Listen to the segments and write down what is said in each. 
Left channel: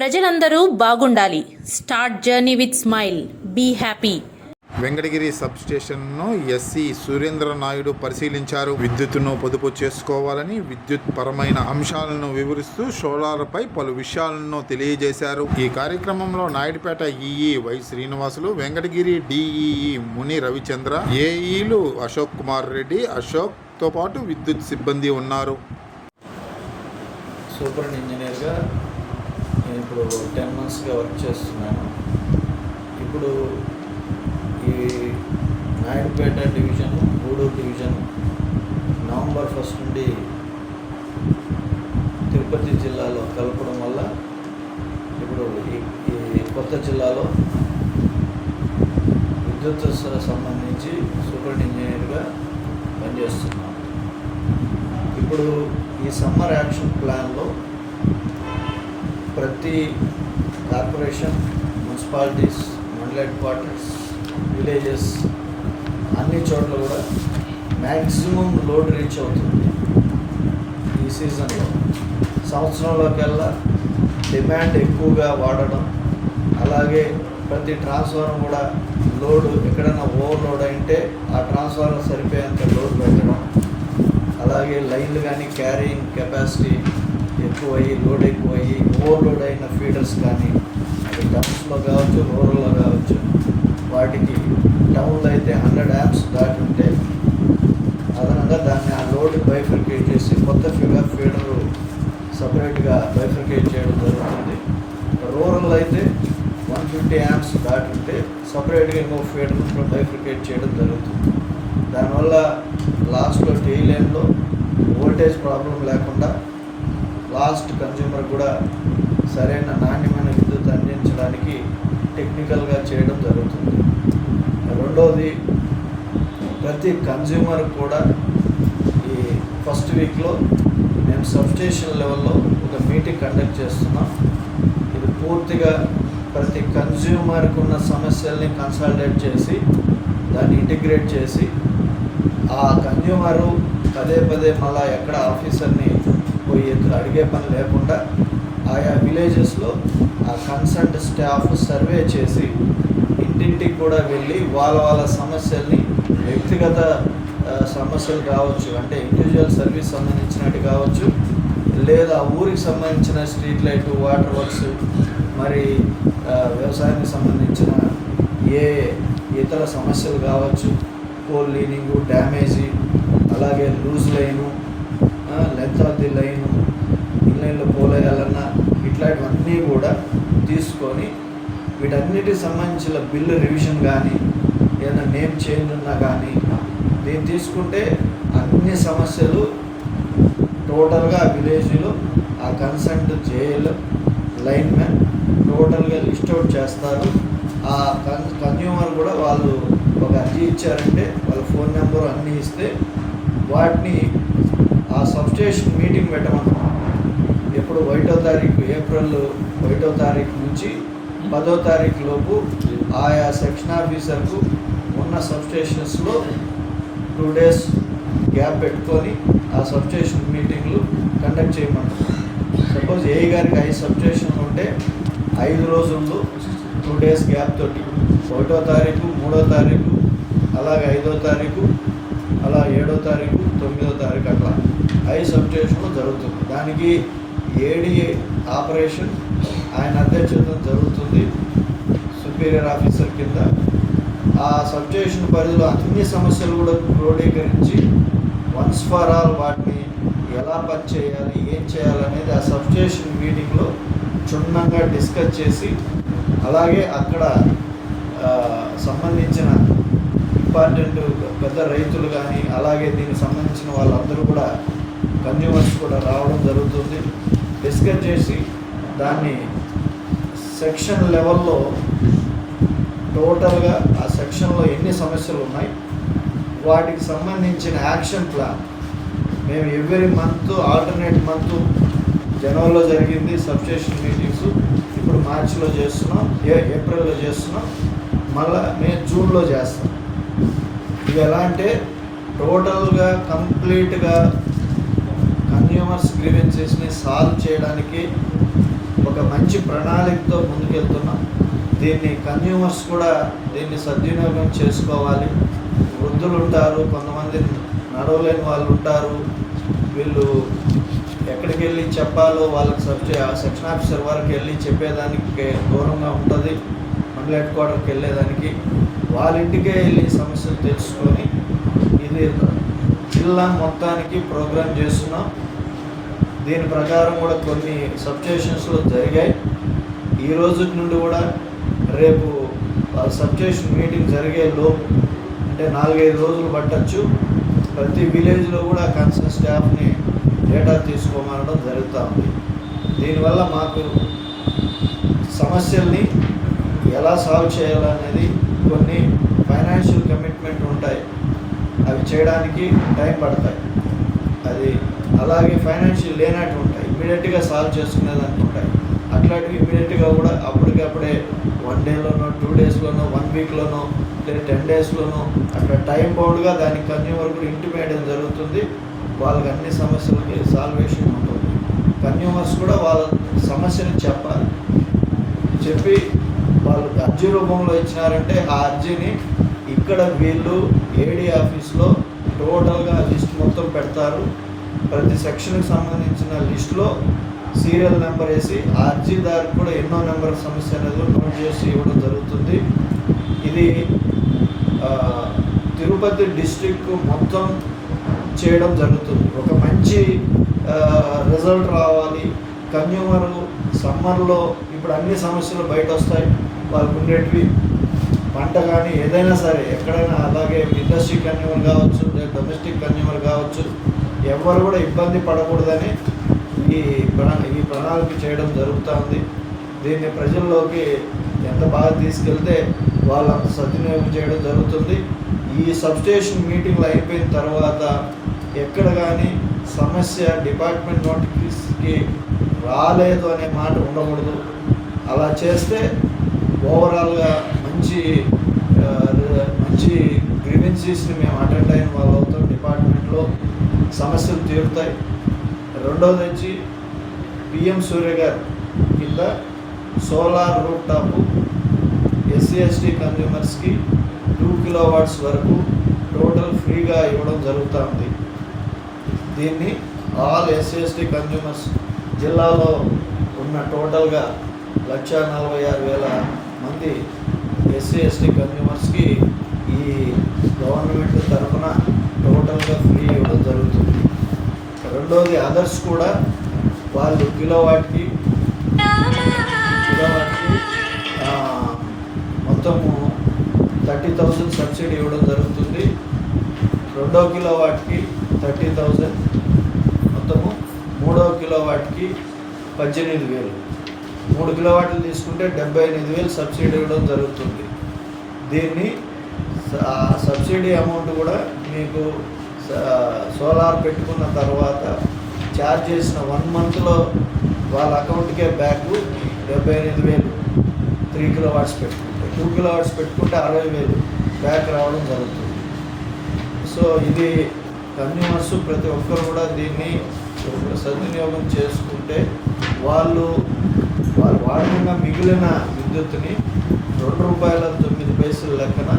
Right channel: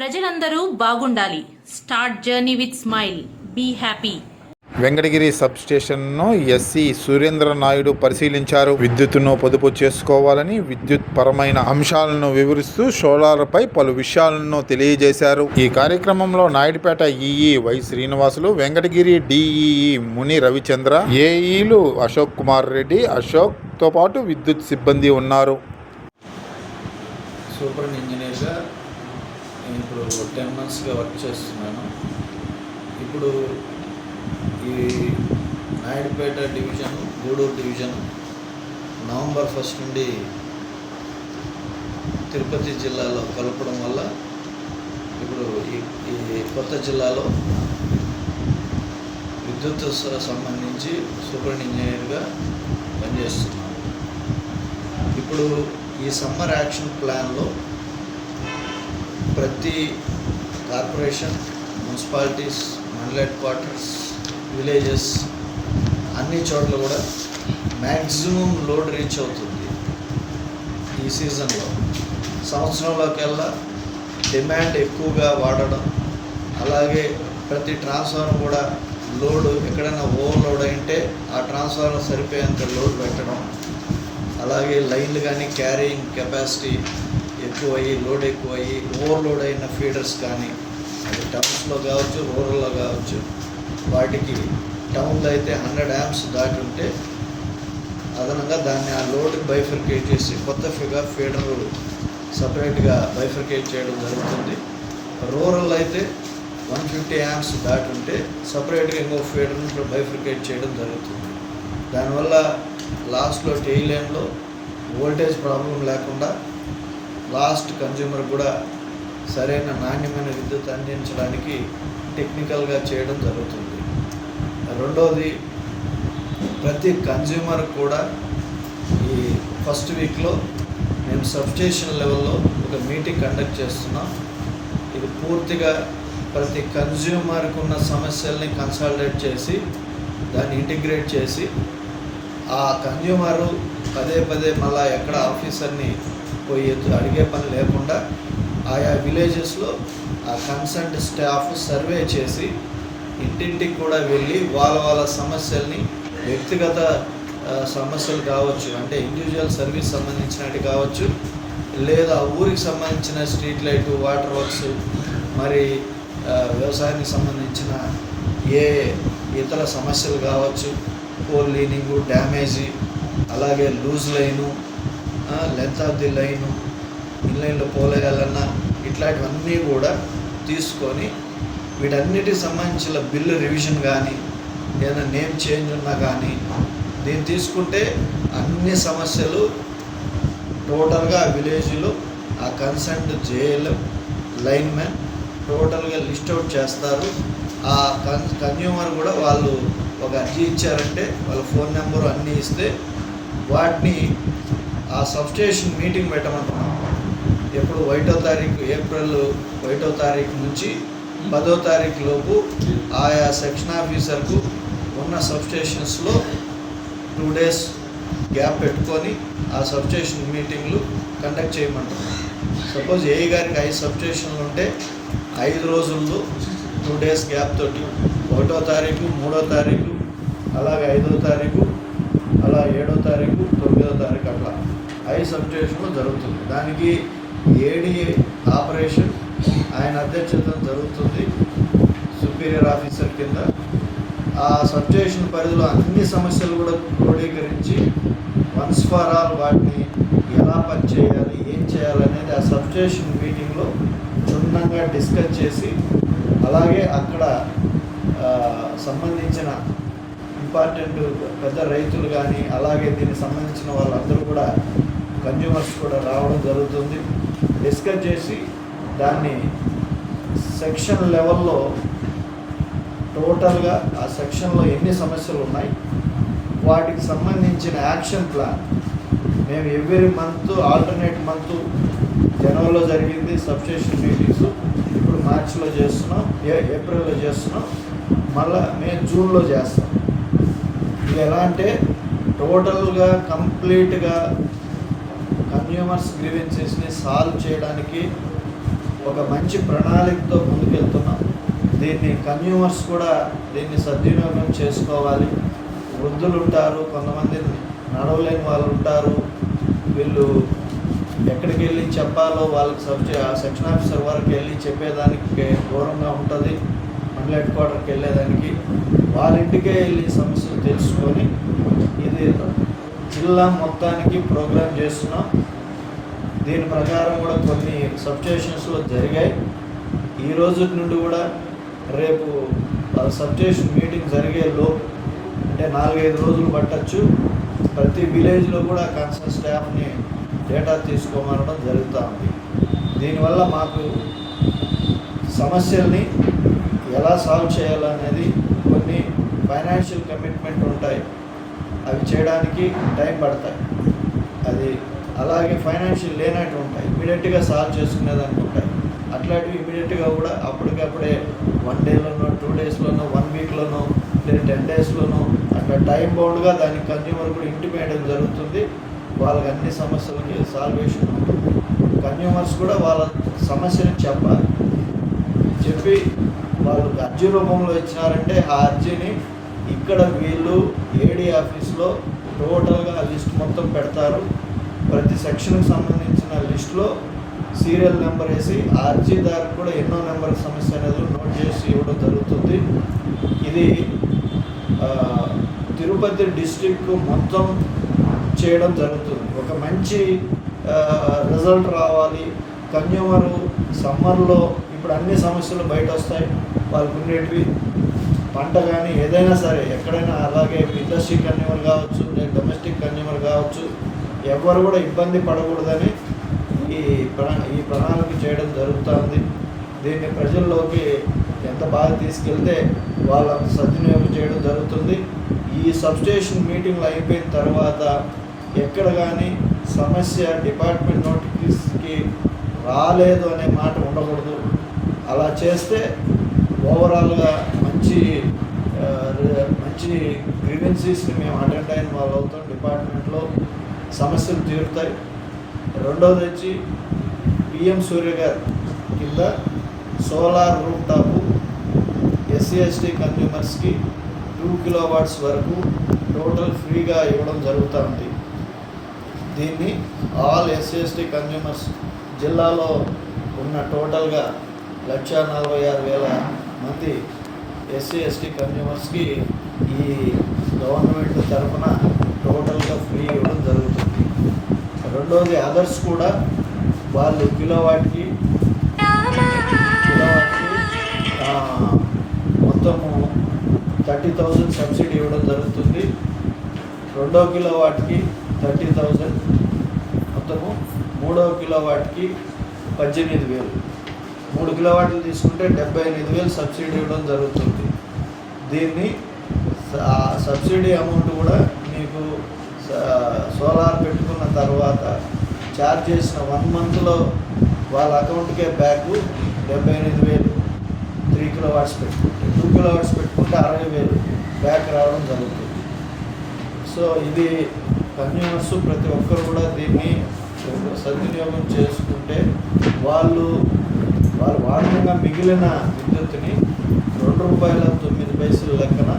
ప్రజలందరూ బాగుండాలి. Start journey with smile be happy Venkatagiri sub స్టేషన్ను ఎస్సీ సురేంద్ర నాయుడు పరిశీలించారు. విద్యుత్తును పొదుపు చేసుకోవాలని విద్యుత్ పరమైన అంశాలను వివరిస్తూ సోలార్పై పలు విషయాలను తెలియజేశారు. ఈ కార్యక్రమంలో Naidupeta E E Y Srinivasulu Venkatagiri D E E Muni Ravichandra ఏఈలు Ashok Kumar Reddy అశోక్తో పాటు విద్యుత్ సిబ్బంది ఉన్నారు. సూపర్ ఇంజనీర్గా నేను ఇప్పుడు టెన్ మంత్స్గా వర్క్ చేస్తున్నాను. ఇప్పుడు ఈ Naidupeta division Gudur division November first నుండి తిరుపతి జిల్లాలో కలపడం వల్ల ఇప్పుడు ఈ ఈ కొత్త జిల్లాలో విద్యుత్ సంబంధించి సూపర్ ఇంజనీర్గా పనిచేస్తున్నాను. ఇప్పుడు ఈ సమ్మర్ యాక్షన్ ప్లాన్లో ప్రతి కార్పొరేషన్ మున్సిపాలిటీస్ మండల హెడ్ క్వార్టర్స్ విలేజెస్ అన్ని చోట్ల కూడా మ్యాక్సిమం లోడ్ రీచ్ అవుతుంది ఈ సీజన్లో. సంవత్సరంలోకెల్లా డిమాండ్ ఎక్కువగా వాడడం అలాగే ప్రతి ట్రాన్స్ఫార్మర్ కూడా లోడ్ ఎక్కడైనా ఓవర్లోడ్ అయింటే ఆ ట్రాన్స్ఫార్మర్ సరిపోయేంత లోడ్ పెట్టడం అలాగే లైన్లు కానీ క్యారీయింగ్ కెపాసిటీ ఎక్కువయ్యి లోడ్ ఎక్కువయ్యి ఓవర్లోడ్ అయిన ఫీడర్స్ కానీ అది టౌన్స్లో కావచ్చు రూరల్లో కావచ్చు వాటికి టౌన్లో అయితే హండ్రెడ్ యాప్స్ దాటి ఉంటే అదనంగా దాన్ని ఆ లోడ్ బైఫర్కేట్ చేసి కొత్త ఫిగా ఫీడర్ సపరేట్గా బైఫర్కేట్ చేయడం జరుగుతుంది. రూరల్ అయితే వన్ ఫిఫ్టీ యాప్స్ దాటి ఉంటే సపరేట్గా ఇంకో ఫీడర్ బైఫర్కేట్ చేయడం జరుగుతుంది. దానివల్ల లాస్ట్లో టెయిలైన్లో వోల్టేజ్ ప్రాబ్లం లేకుండా లాస్ట్ కన్జ్యూమర్ కూడా సరైన నాణ్యమైన విద్యుత్ అందించడానికి టెక్నికల్గా చేయడం జరుగుతుంది. రెండవది ప్రతి కన్జ్యూమర్ కూడా ఈ ఫస్ట్ వీక్లో మేము సబ్స్టేషన్ లెవెల్లో ఒక మీటింగ్ కండక్ట్ చేస్తున్నాం. ఇది పూర్తిగా ప్రతి కన్జ్యూమర్కి ఉన్న సమస్యల్ని కన్సల్టేట్ చేసి దాన్ని ఇంటిగ్రేట్ చేసి ఆ కన్జ్యూమరు పదే పదే మళ్ళీ ఎక్కడ ఆఫీసర్ని పోయి అడిగే పని లేకుండా ఆయా విలేజెస్లో ఆ కన్సల్ట్ స్టాఫ్ సర్వే చేసి ఇంటింటికి కూడా వెళ్ళి వాళ్ళ వాళ్ళ సమస్యల్ని వ్యక్తిగత సమస్యలు కావచ్చు అంటే ఇండివిజువల్ సర్వీస్ సంబంధించినట్టు కావచ్చు లేదా ఊరికి సంబంధించిన స్ట్రీట్ లైట్ వాటర్ వర్క్స్ మరి వ్యవసాయానికి సంబంధించిన ఏ ఇతర సమస్యలు కావచ్చు పోల్ లీనింగు డ్యామేజీ అలాగే loose line length of the line ఇన్లైన్లో పోలేయాలన్నా ఇట్లాంటివన్నీ కూడా తీసుకొని వీటన్నిటికి సంబంధించిన బిల్లు రివిజన్ కానీ ఏదైనా నేమ్ చేంజ్ ఉన్నా కానీ దీన్ని తీసుకుంటే అన్ని సమస్యలు టోటల్గా ఆ విలేజ్లో ఆ కన్సెంట్ జేఎల్ లైన్మెన్ టోటల్గా లిస్ట్ అవుట్ చేస్తారు. ఆ కన్ కన్జ్యూమర్ కూడా వాళ్ళు ఒక అర్జీ ఇచ్చారంటే వాళ్ళ ఫోన్ నెంబర్ అన్నీ ఇస్తే వాటిని ఆ సబ్స్టేషన్ మీటింగ్ పెట్టమంటున్నాం. ఎప్పుడు ఒకటో తారీఖు ఏప్రిల్ ఒకటో తారీఖు నుంచి పదో తారీఖు లోపు ఆయా సెక్షన్ ఆఫీసర్కు ఉన్న సబ్స్టేషన్స్లో టూ డేస్ గ్యాప్ పెట్టుకొని ఆ సబ్స్టేషన్ మీటింగ్లు కండక్ట్ చేయమంటున్నాం. సపోజ్ ఏఈ గారికి ఐదు సబ్స్టేషన్లు ఉంటే ఐదు రోజుల్లో టూ డేస్ గ్యాప్ తోటి ఒకటో తారీఖు మూడో తారీఖు అలాగే ఐదో తారీఖు అలా ఏడో తారీఖు తొమ్మిదో తారీఖు అట్లా ఐ సబ్స్టేషన్లో జరుగుతుంది. దానికి ఏడి ఆపరేషన్ ఆయన అధ్యక్షత జరుగుతుంది సుపీరియర్ ఆఫీసర్ కింద. ఆ సబ్స్టేషన్ పరిధిలో అన్ని సమస్యలు కూడా క్రోడీకరించి వన్స్ ఫర్ ఆల్ వాటిని ఎలా పని చేయాలి ఏం చేయాలనేది ఆ సబ్స్టేషన్ మీటింగ్లో క్షుణ్ణంగా డిస్కస్ చేసి అలాగే అక్కడ సంబంధించిన ఇంపార్టెంట్ పెద్ద రైతులు కానీ అలాగే దీనికి సంబంధించిన వాళ్ళందరూ కూడా కన్జ్యూమర్స్ కూడా రావడం జరుగుతుంది. డిస్కస్ చేసి దాన్ని సెక్షన్ లెవెల్లో టోటల్గా ఆ సెక్షన్లో ఎన్ని సమస్యలు ఉన్నాయి వాటికి సంబంధించిన యాక్షన్ ప్లాన్ మేము ఎవ్రీ మంత్ ఆల్టర్నేట్ మంత్ జనవరిలో జరిగింది సబ్స్టేషన్ మీటింగ్స్ ఇప్పుడు మార్చిలో చేస్తున్నాం ఏ ఏప్రిల్లో చేస్తున్నాం మళ్ళీ మే జూన్లో చేస్తాం. ఇది ఎలా అంటే టోటల్గా కంప్లీట్గా కన్జ్యూమర్స్ గ్రీవెన్సెస్ని సాల్వ్ చేయడానికి ఒక మంచి ప్రణాళికతో ముందుకెళ్తున్నాం. దీన్ని కన్యూమర్స్ కూడా దీన్ని సద్వినియోగం చేసుకోవాలి. వృద్ధులు ఉంటారు కొంతమంది నడవలేని వాళ్ళు ఉంటారు వీళ్ళు ఎక్కడికి వెళ్ళి చెప్పాలో వాళ్ళకి సబ్జె సెక్షన్ ఆఫీసర్ వరకు వెళ్ళి చెప్పేదానికి దూరంగా ఉంటుంది. మండల హెడ్ క్వార్టర్కి వెళ్ళేదానికి వాళ్ళ ఇంటికే వెళ్ళి సమస్యలు తెలుసుకొని ఇది జిల్లా మొత్తానికి ప్రోగ్రామ్ చేస్తున్నాం. దీని ప్రకారం కూడా కొన్ని సబ్స్టేషన్స్లో జరిగాయి. ఈ రోజు నుండి కూడా రేపు సబ్స్టేషన్ మీటింగ్ జరిగే లోపు అంటే నాలుగైదు రోజులు పట్టచ్చు. ప్రతి విలేజ్లో కూడా కన్సర్న్ స్టాఫ్ని డేటా తీసుకోమనడం జరుగుతూ ఉంది. దీనివల్ల మాకు సమస్యల్ని ఎలా సాల్వ్ చేయాలనేది కొన్ని ఫైనాన్షియల్ కమిట్మెంట్ ఉంటాయి. అవి చేయడానికి టైం పడతాయి. అది అలాగే ఫైనాన్షియల్ లేనట్టు ఉంటాయి. ఇమీడియట్గా సాల్వ్ చేసుకునేదానికి ఉంటాయి అట్లాంటివి ఇమీడియట్గా కూడా అప్పటికప్పుడే వన్ డేలోనో టూ డేస్లోనో వన్ వీక్లోనో లేదా టెన్ డేస్లోనో అట్లా టైం బౌండ్గా దానికి కన్జ్యూమర్ కూడా ఇంటిమేయడం జరుగుతుంది. వాళ్ళకి అన్ని సమస్యలకి సాల్వేషన్ ఉంటుంది. కన్జ్యూమర్స్ కూడా వాళ్ళ సమస్యని చెప్పాలి. చెప్పి వాళ్ళు అర్జీ రూపంలో ఇచ్చినారంటే ఆ అర్జీని ఇక్కడ వీళ్ళు ఏడీ ఆఫీస్లో టోటల్గా లిస్ట్ మొత్తం పెడతారు. ప్రతి సెక్షన్కి సంబంధించిన లిస్ట్లో సీరియల్ నెంబర్ వేసి ఆ కూడా ఎన్నో నెంబర్ సమస్య అనేది నోట్ చేసి ఇవ్వడం జరుగుతుంది. ఇది తిరుపతి డిస్టిక్ మొత్తం చేయడం జరుగుతుంది. ఒక మంచి రిజల్ట్ రావాలి. కన్జ్యూమరు సమ్మర్లో ఇప్పుడు అన్ని సమస్యలు బయట వస్తాయి వాళ్ళకు ఉండేటివి పంట కానీ ఏదైనా సరే ఎక్కడైనా అలాగే ఇండస్ట్రీ కన్యూమర్ కావచ్చు లేదా డొమెస్టిక్ కన్జ్యూమర్ కావచ్చు ఎవరు కూడా ఇబ్బంది పడకూడదని ఈ ప్రణా ఈ ప్రణాళిక చేయడం జరుగుతుంది. దీన్ని ప్రజల్లోకి ఎంత బాగా తీసుకెళ్తే వాళ్ళంత సద్వినియోగం చేయడం జరుగుతుంది. ఈ సబ్స్టేషన్ మీటింగ్లు అయిపోయిన తర్వాత ఎక్కడ కానీ సమస్య డిపార్ట్మెంట్ నోటిఫికేషన్కి రాలేదు అనే మాట ఉండకూడదు. అలా చేస్తే ఓవరాల్గా మంచి మంచి గ్రీవెన్సీస్ని మేము అటెండ్ అయిన వాళ్ళు అవుతాం డిపార్ట్మెంట్లో సమస్యలు తీరుతాయి. రెండోది వచ్చి పిఎం సూర్య గారు కింద solar rooftop S C S T కన్జ్యూమర్స్కి two kilo watts వరకు టోటల్ ఫ్రీగా ఇవ్వడం జరుగుతూ ఉంది. దీన్ని ఆల్ ఎస్సీ ఎస్టీ కన్జ్యూమర్స్ జిల్లాలో ఉన్న టోటల్గా లక్ష నలభై ఆరు వేల మంది ఎస్సీ ఎస్టీ కన్జ్యూమర్స్కి ఈ గవర్నమెంట్ తరఫున టోటల్గా ఫ్రీ ఇవ్వడం జరుగుతుంది. రెండోది అదర్స్ కూడా వాళ్ళు కిలో వాటికి కిలో వాటికి మొత్తము థర్టీ థౌజండ్ సబ్సిడీ ఇవ్వడం జరుగుతుంది. రెండో కిలో వాటికి థర్టీ థౌజండ్ మొత్తము మూడో కిలో వాటికి పద్దెనిమిది వేలు. మూడు కిలో వాట్లు తీసుకుంటే డెబ్బై ఎనిమిది వేలు సబ్సిడీ ఇవ్వడం జరుగుతుంది. దీన్ని సబ్సిడీ అమౌంట్ కూడా మీకు సోలార్ పెట్టుకున్న తర్వాత ఛార్జ్ చేసిన వన్ మంత్లో వాళ్ళ అకౌంట్కే బ్యాక్ డెబ్బై ఎనిమిది వేలు. త్రీ కిలో వాట్స్ పెట్టుకుంటే టూ కిలో వాట్స్ పెట్టుకుంటే అరవై వేలు బ్యాక్ రావడం జరుగుతుంది. సో ఇది కన్జ్యూమర్స్ ప్రతి ఒక్కరు కూడా దీన్ని సద్వినియోగం చేసుకుంటే వాళ్ళు వాళ్ళు వాడకంగా మిగిలిన విద్యుత్ని రెండు రూపాయల తొమ్మిది పైసలు లెక్కన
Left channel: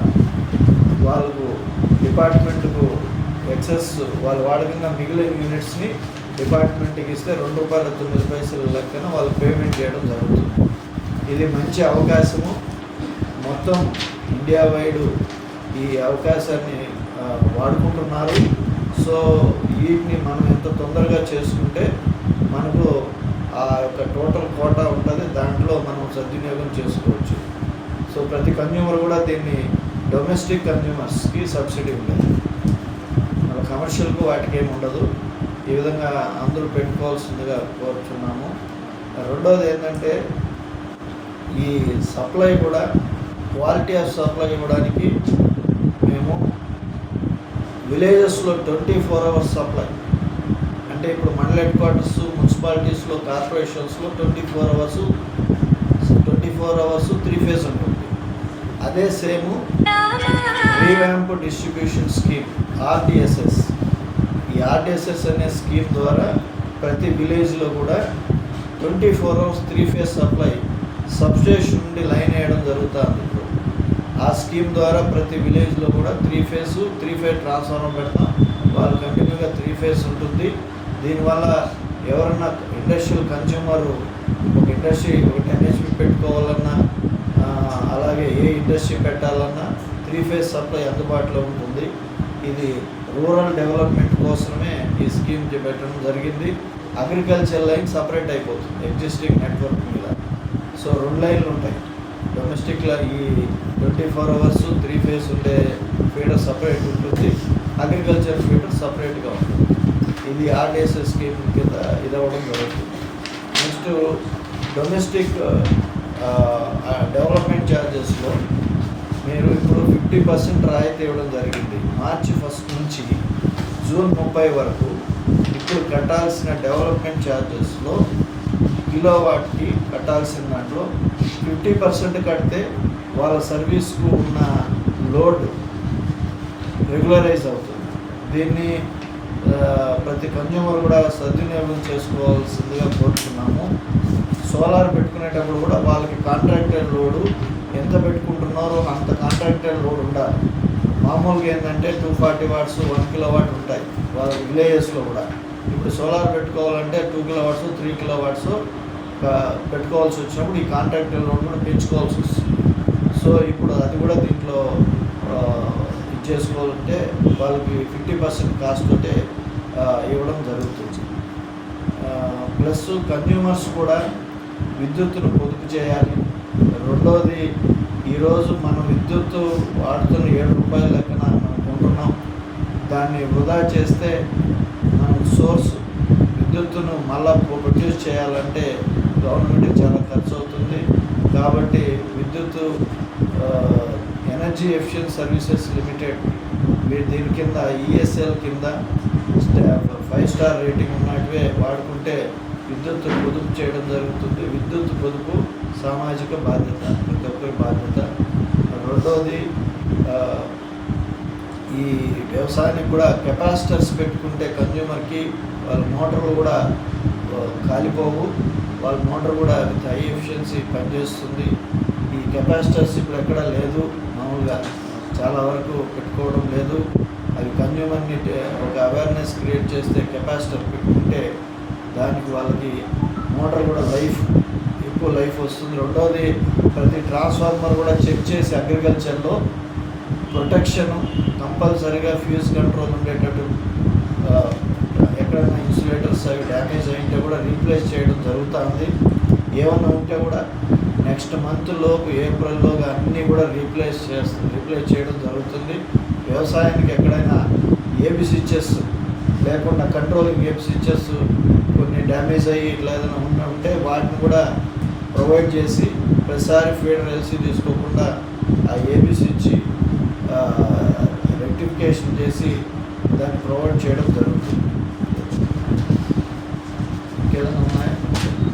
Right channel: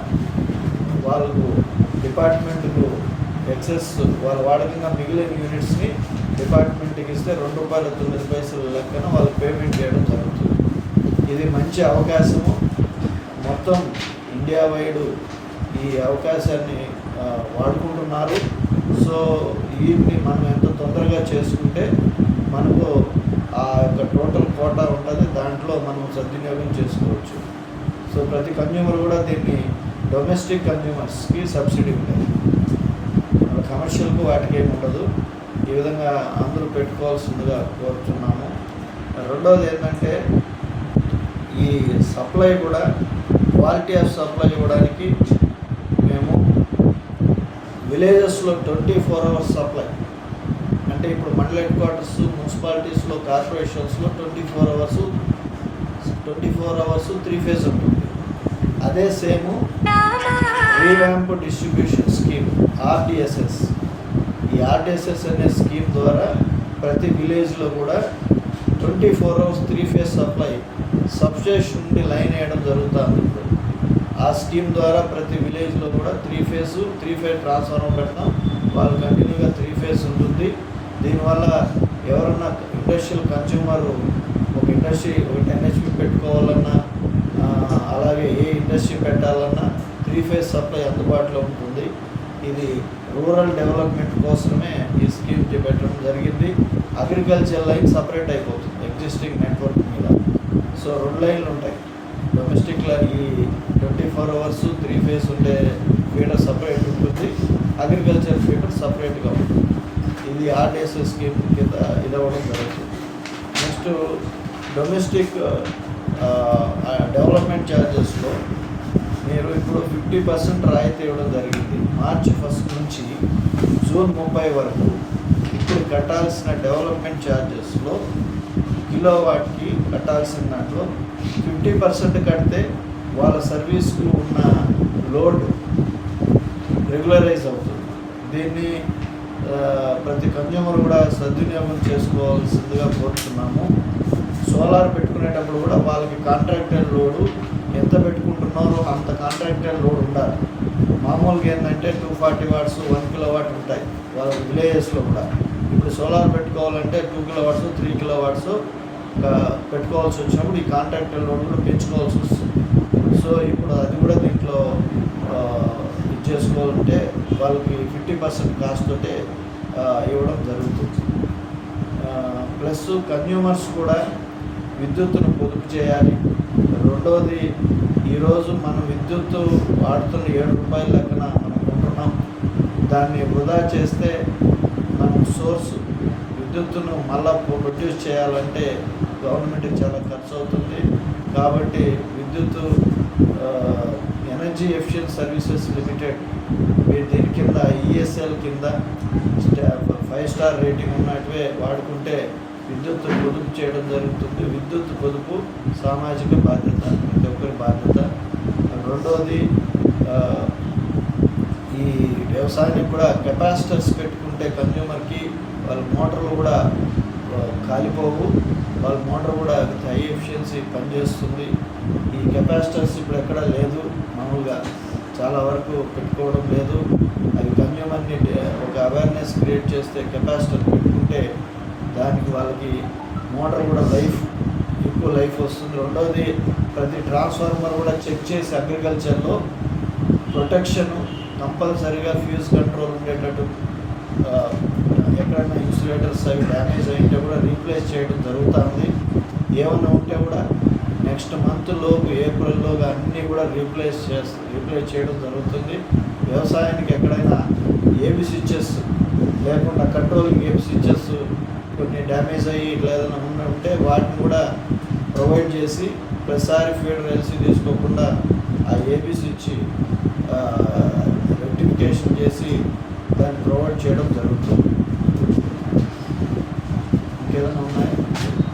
వాళ్ళకు డిపార్ట్మెంట్కు ఎక్సెస్ వాళ్ళు వాడకంగా మిగిలిన యూనిట్స్ని డిపార్ట్మెంట్కి ఇస్తే రెండు రూపాయల తొమ్మిది పైసలు లెక్కన వాళ్ళు పేమెంట్ చేయడం జరుగుతుంది. ఇది మంచి అవకాశము. మొత్తం ఇండియా వైడ్ ఈ అవకాశాన్ని వాడుకుంటున్నారు. సో వీటిని మనం ఎంత తొందరగా చేసుకుంటే మనకు ఆ యొక్క టోటల్ కోటా ఉంటుంది. దాంట్లో మనం సద్వినియోగం చేసుకోవచ్చు. సో ప్రతి కన్జ్యూమర్ కూడా దీన్ని డొమెస్టిక్ కన్జ్యూమర్స్కి సబ్సిడీ ఉంటుంది. మన కమర్షియల్కు వాటికి ఏమి ఉండదు. ఈ విధంగా అందరూ పెట్టుకోవాల్సిందిగా కోరుచున్నాము. రెండోది ఏంటంటే ఈ సప్లై కూడా క్వాలిటీ ఆఫ్ సప్లై ఇవ్వడానికి మేము విలేజెస్లో ట్వంటీ ఫోర్ అవర్స్ సప్లై. అంటే ఇప్పుడు మండల హెడ్ క్వార్టర్స్ మున్సిపాలిటీస్లో కార్పొరేషన్స్లో twenty four hours twenty four hours three phase ఉంటుంది. అదే same revamp distribution scheme RDSS. ఈ ఆర్డిఎస్ఎస్ అనే స్కీమ్ ద్వారా ప్రతి విలేజ్లో కూడా twenty four hours three phase supply substation నుండి లైన్ వేయడం జరుగుతుంది. ఆ స్కీమ్ ద్వారా ప్రతి విలేజ్లో కూడా three phase three phase transformer పెడతాం వాళ్ళు కంటిన్యూగా త్రీ ఫేజ్ ఉంటుంది. దీనివల్ల ఎవరన్నా ఇండస్ట్రియల్ కన్జ్యూమర్ ఒక ఇండస్ట్రీ ఒక టెన్ హెచ్పి పెట్టుకోవాలన్నా అలాగే ఏ ఇండస్ట్రీ పెట్టాలన్నా త్రీ ఫేజ్ సప్లై అందుబాటులో ఉంటుంది. ఇది రూరల్ డెవలప్మెంట్ కోసమే ఈ స్కీమ్ పెట్టడం జరిగింది. అగ్రికల్చర్ లైన్ సపరేట్ అయిపోతుంది ఎగ్జిస్టింగ్ నెట్వర్క్ మీద. సో రెండు లైన్లు ఉంటాయి. డొమెస్టిక్లో ఈ twenty four hours three phase ఉండే ఫీడర్ సపరేట్ ఉంటుంది. అగ్రికల్చర్ ఫీడర్ సపరేట్గా ఉంటుంది. ఇది ఆర్డిఎస్ స్కీమ్ కింద ఇది అవ్వడం జరుగుతుంది. నెక్స్ట్ డొమెస్టిక్ డెవలప్మెంట్ ఛార్జెస్లో మీరు ఇప్పుడు ఫిఫ్టీ పర్సెంట్ రాయితీ ఇవ్వడం జరిగింది. మార్చి ఫస్ట్ నుంచి జూన్ ముప్పై వరకు ఇప్పుడు కట్టాల్సిన డెవలప్మెంట్ ఛార్జెస్లో కిలో వాట్కి కట్టాల్సిన దాంట్లో ఫిఫ్టీ పర్సెంట్ కడితే వాళ్ళ సర్వీస్కు ఉన్న లోడ్ రెగ్యులరైజ్ అవుతుంది. దీన్ని ప్రతి కన్జ్యూమర్ కూడా సద్వినియోగం చేసుకోవాల్సిందిగా కోరుతున్నాము సోలార్ పెట్టుకునేటప్పుడు కూడా వాళ్ళకి కాంట్రాక్టర్ లోడు ఎంత పెట్టుకుంటున్నారో అంత కాంట్రాక్టర్ లోడ్ ఉండాలి. మామూలుగా ఏంటంటే two forty watts one kilo watt ఉంటాయి వాళ్ళ విలేజెస్లో కూడా. ఇప్పుడు సోలార్ పెట్టుకోవాలంటే two kilo watts three kilo watts పెట్టుకోవాల్సి వచ్చినప్పుడు ఈ కాంట్రాక్ట్ లోన్ కూడా పెంచుకోవాల్సి వస్తుంది. సో ఇప్పుడు అది కూడా దీంట్లో ఇది చేసుకోవాలంటే వాళ్ళకి ఫిఫ్టీ పర్సెంట్ కాస్ట్ తోటే ఇవ్వడం జరుగుతుంది. ప్లస్ కన్జ్యూమర్స్ కూడా విద్యుత్తును పొదుపు చేయాలి. రెండవది ఈరోజు మనం విద్యుత్తు వాడుతున్న ఏడు రూపాయల లెక్కన మనం కొంటున్నాం. దాన్ని వృధా చేస్తే మనం సోర్స్ విద్యుత్తును మళ్ళా ప్రొడ్యూస్ చేయాలంటే గవర్నమెంట్కి చాలా ఖర్చు అవుతుంది కాబట్టి విద్యుత్ ఎనర్జీ ఎఫిషియన్స్ సర్వీసెస్ లిమిటెడ్ వీ- దీని కింద ఈఎస్ఎల్ కింద ఫైవ్ స్టార్ రేటింగ్ ఉన్నట్టువే వాడుకుంటే విద్యుత్ పొదుపు చేయడం జరుగుతుంది. విద్యుత్ పొదుపు సామాజిక బాధ్యత ప్రతి ఒక్కరి బాధ్యత. రెండవది ఈ వ్యవసాయానికి కూడా కెపాసిటర్స్ పెట్టుకుంటే కన్జ్యూమర్కి వాళ్ళ మోటార్లు కూడా కాలిపోవు. వాళ్ళ మోటార్ కూడా విత్ హై ఎఫిషియన్సీ పనిచేస్తుంది. ఈ కెపాసిటర్స్ ఇప్పుడు ఎక్కడ లేదు మామూలుగా చాలా వరకు పెట్టుకోవడం లేదు. అవి కన్జ్యూమర్ని ఒక అవేర్నెస్ క్రియేట్ చేస్తే కెపాసిటర్ పెట్టుకుంటే దానికి వాళ్ళకి మోటార్ కూడా లైఫ్ ఎక్కువ లైఫ్ వస్తుంది. రెండవది ప్రతి ట్రాన్స్ఫార్మర్ కూడా చెక్ చేసి అగ్రికల్చర్లో ప్రొటెక్షన్ కంపల్సరీగా ఫ్యూజ్ కంట్రోల్ ఉండేటట్టు ఎక్కడైనా ఇన్సులేటర్స్ అవి డ్యామేజ్ అయింటే కూడా రీప్లేస్ చేయడం జరుగుతుంది. ఏమన్నా ఉంటే కూడా నెక్స్ట్ మంత్ లోపు ఏప్రిల్లోగా అన్నీ కూడా రీప్లేస్ చేస్తుంది రీప్లేస్ చేయడం జరుగుతుంది. వ్యవసాయానికి ఎక్కడైనా ఏబి స్విచ్చెస్ లేకుండా కంట్రోలింగ్ ఏబి స్విచ్చెస్ కొన్ని డ్యామేజ్ అయ్యి ఇట్లా ఏదైనా ఉన్న ఉంటే వాటిని కూడా ప్రొవైడ్ చేసి ప్రతిసారి ఫీడర్ ఎల్సీ తీసుకోకుండా ఆ ఏబి స్విచ్ రెక్టిఫికేషన్ చేసి దాన్ని ప్రొవైడ్ చేయడం జరుగుతుంది. ఇంకేదైనా ఉన్నాయా